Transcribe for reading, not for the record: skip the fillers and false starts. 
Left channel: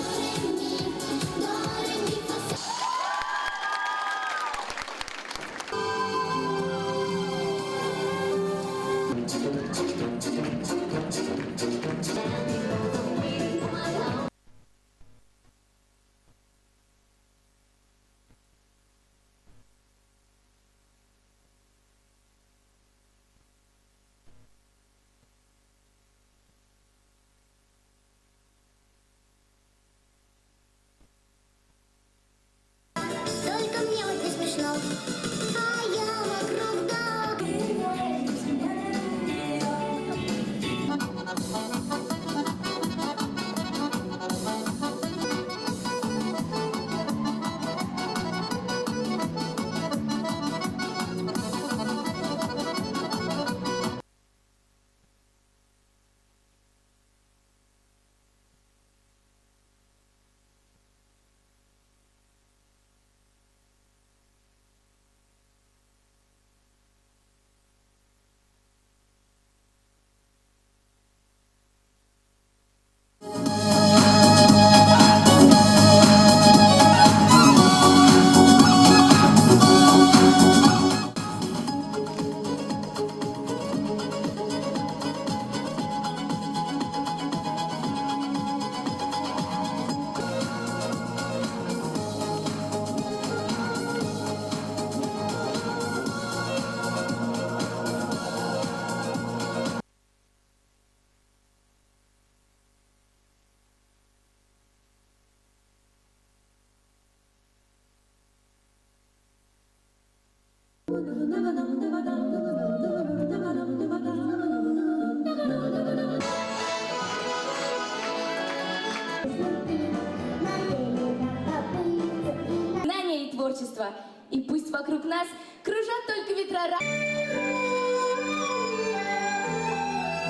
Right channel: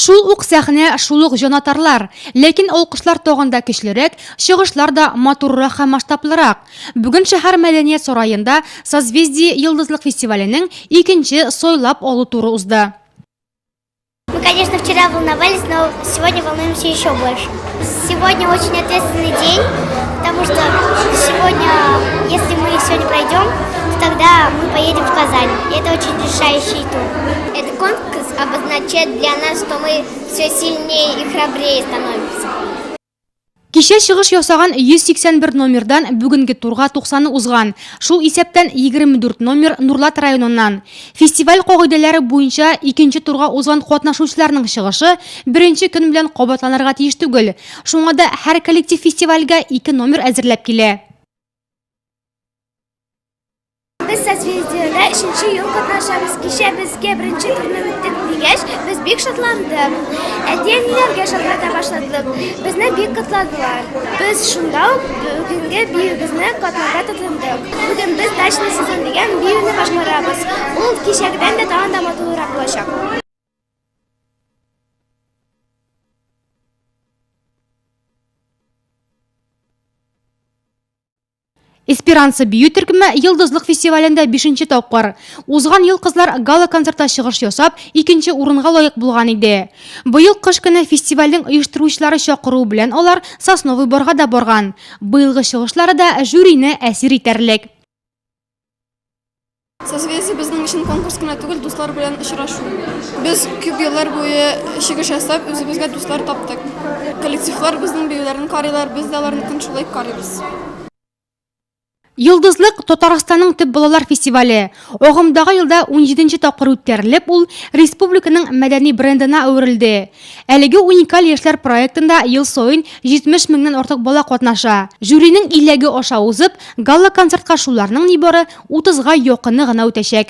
Шул ук сәхнә, шул ук җанатарлар, ләкин алкышлар тагында көчлерәк, чыгышлар да матуррак һәм масштаблырак. Бүген шәһәр мәдәният сараенда Созвездие йолдызлык фестиваленең икенче сойлап алу туры узды. Мы, конечно, вчера волновались, но сегодня волнуемся еще больше. Сегодня очень ответственный день, потому что сегодня, если мы сегодня пройдем, то тогда мы поедем в Казань. И это очень решающий тур. Этот конкурс обозначает для нас, что мы все сильнее и храбрее становимся. Кичә чыгыш ясаган 181 номердан бүгенге турга 90 узган. Шул исәптән 24 номер Нурлат районыннан. Фестиваль кагыйдәләре буенча икенче турга узган катнашучыларның чыгышы беренче көн белән кабатланырга тиеш түгел. Шуңа да һәр коллектив фестивальгә 2 номер әзерләп килә. Biz Созвездиеда 3-нче ел катнашабыз. Кичә безгә беренче турны үттек дигәч, без бик шатландык. Әти-әниләргә шалтырата башладык. Безне бик котладылар. Без шунда ук бүгенге биюбезне катнарга тотындык. Бүген без дачный сезон дигән биюне башкарабыз. Ул кичәгедән дә тагын да матуррак булачак. Эсперанца бию төркеме йолдызлык фестивалендә 5-нче тапкыр. Узган ел кызлар гала концертта чыгыш ясап, 2-нче урынга лаек булган иде. Быел кыш көне фестивальнең оештыручылары чакыру белән алар Сосновый Борга да барган. Быелгы чыгышлары да жюрине әсир итәрлек. Созвездие безнең өчен конкурс кына түгел, дуслар белән очрашу. Без күп еллар буе чыгыш ясап, үзебезгә дуслар таптык. Коллективлар безнең биюләрне карыйлар, без дә аларны шулай карыйбыз. Йолдызлык Татарстанның төп балалар фестивале. Агымдагы елда 17-нче тапкыр үткәрелеп, ул республиканың мәдәни брендына әверелде. Әлеге уникаль яшьләр проектында ел саен 70 меңнән артык бала катнаша. Жюринең 50-ге аша узып, гала концертка шуларның нибары 30-га якыны гына үтәчәк.